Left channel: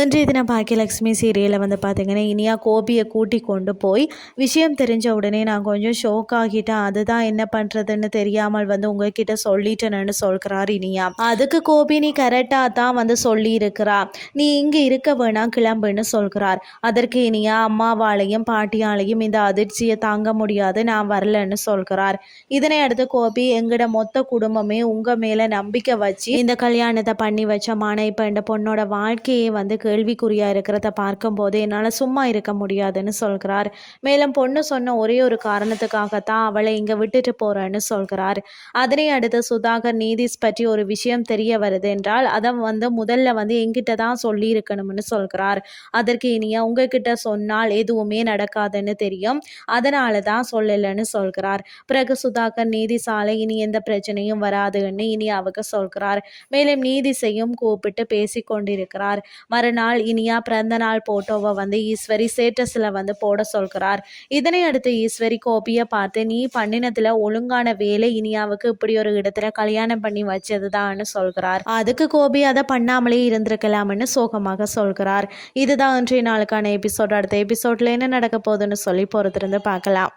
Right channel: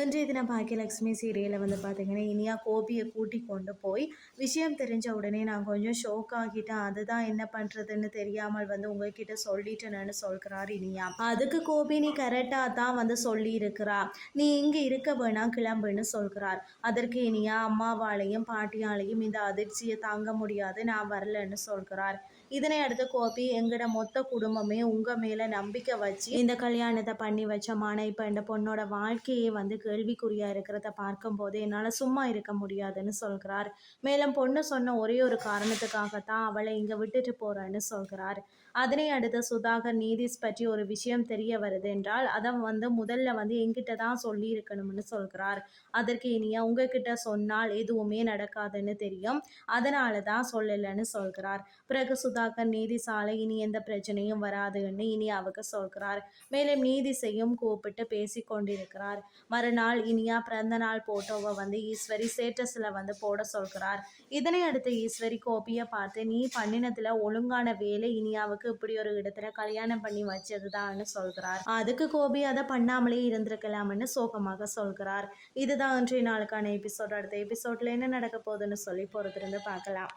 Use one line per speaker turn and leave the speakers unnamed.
இன்றைய தினம் பாக்கியலக்ஷ்மி சீரியலில் வந்து பார்த்தீங்கன்னா இனியா கோபியை கூட்டி கொண்டு போய் விஷயம் தெரிஞ்ச உடனே நான் கொஞ்சம் ஷோக் ஆகிட்டேன். அதுதான் என்ன பண்ணுறதுன்னு தெரியாமல் வந்து உங்ககிட்ட சொல்லிட்டேன்னு சொல்கிறார் இனியா. அதுக்கு கோபி நீ கரெக்டாக தான் வந்து சொல்லியிருக்கிறா. நீ இங்கே இருக்க வேணாம் கிளம்புன்னு சொல்கிறார். அதற்கு இனியா அம்மாவாலையும் பாட்டியாலையும் இந்த அதிர்ச்சியை தாங்க முடியாது நான் வரலன்னு சொல்கிறார். இதனை அடுத்து கோபி எங்கட மொத்த குடும்பமே உங்கள் மேலே நம்பிக்கை வச்சு இந்த கல்யாணத்தை பண்ணி வச்சமான இப்போ இந்த பொண்ணோட வாழ்க்கையை வந்து கேள்விக்குறியாக இருக்கிறத பார்க்கும்போது என்னால் சும்மா இருக்க முடியாதுன்னு சொல்கிறார். மேலும் பொண்ணு சொன்ன ஒரே ஒரு காரணத்துக்காகத்தான் அவளை இங்கே விட்டுட்டு போகிறேன்னு சொல்கிறார். அதனை அடுத்து சுதாகர் நீதிஸ் பற்றி ஒரு விஷயம் தெரிய வருது என்றால் அதை வந்து முதல்ல வந்து எங்கிட்ட தான் சொல்லியிருக்கணும்னு சொல்கிறார். அதற்கு இனியா உங்ககிட்ட சொன்னால் எதுவுமே நடக்காதுன்னு தெரியும். அதனால தான் சொல்லலைன்னு சொல்கிறார். பிறகு சுதாகர் நீதி சாலை இனி எந்த பிரச்சனையும் வராதுன்னு இனி அவங்க சொல்கிறார். மேலும் நீதிசையும் கூப்பிட்டு பேசி கொண்டிருக்கிறார் மறுநாள் நாள் இனியா பிறந்த நாள் போட்டோவை வந்து ஈஸ்வரி ஸ்டேட்டஸில் வந்து போட சொல்கிறார். இதனை அடுத்து ஈஸ்வரி கோபியை பார்த்து நீ பண்ணினத்தில் ஒழுங்கான வேலை இனியாவுக்கு இப்படி ஒரு இடத்துல கல்யாணம் பண்ணி வச்சதுதான்னு சொல்கிறார். அதுக்கு கோபி அதை பண்ணாமலே இருந்திருக்கலாம்னு சோகமாக சொல்கிறார். இதுதான் இன்றைய நாளுக்கான எபிசோட் அடுத்த எபிசோட்ல என்ன நடக்க போகுதுன்னு சொல்லி பொறுத்திருந்து பார்க்கலாம்.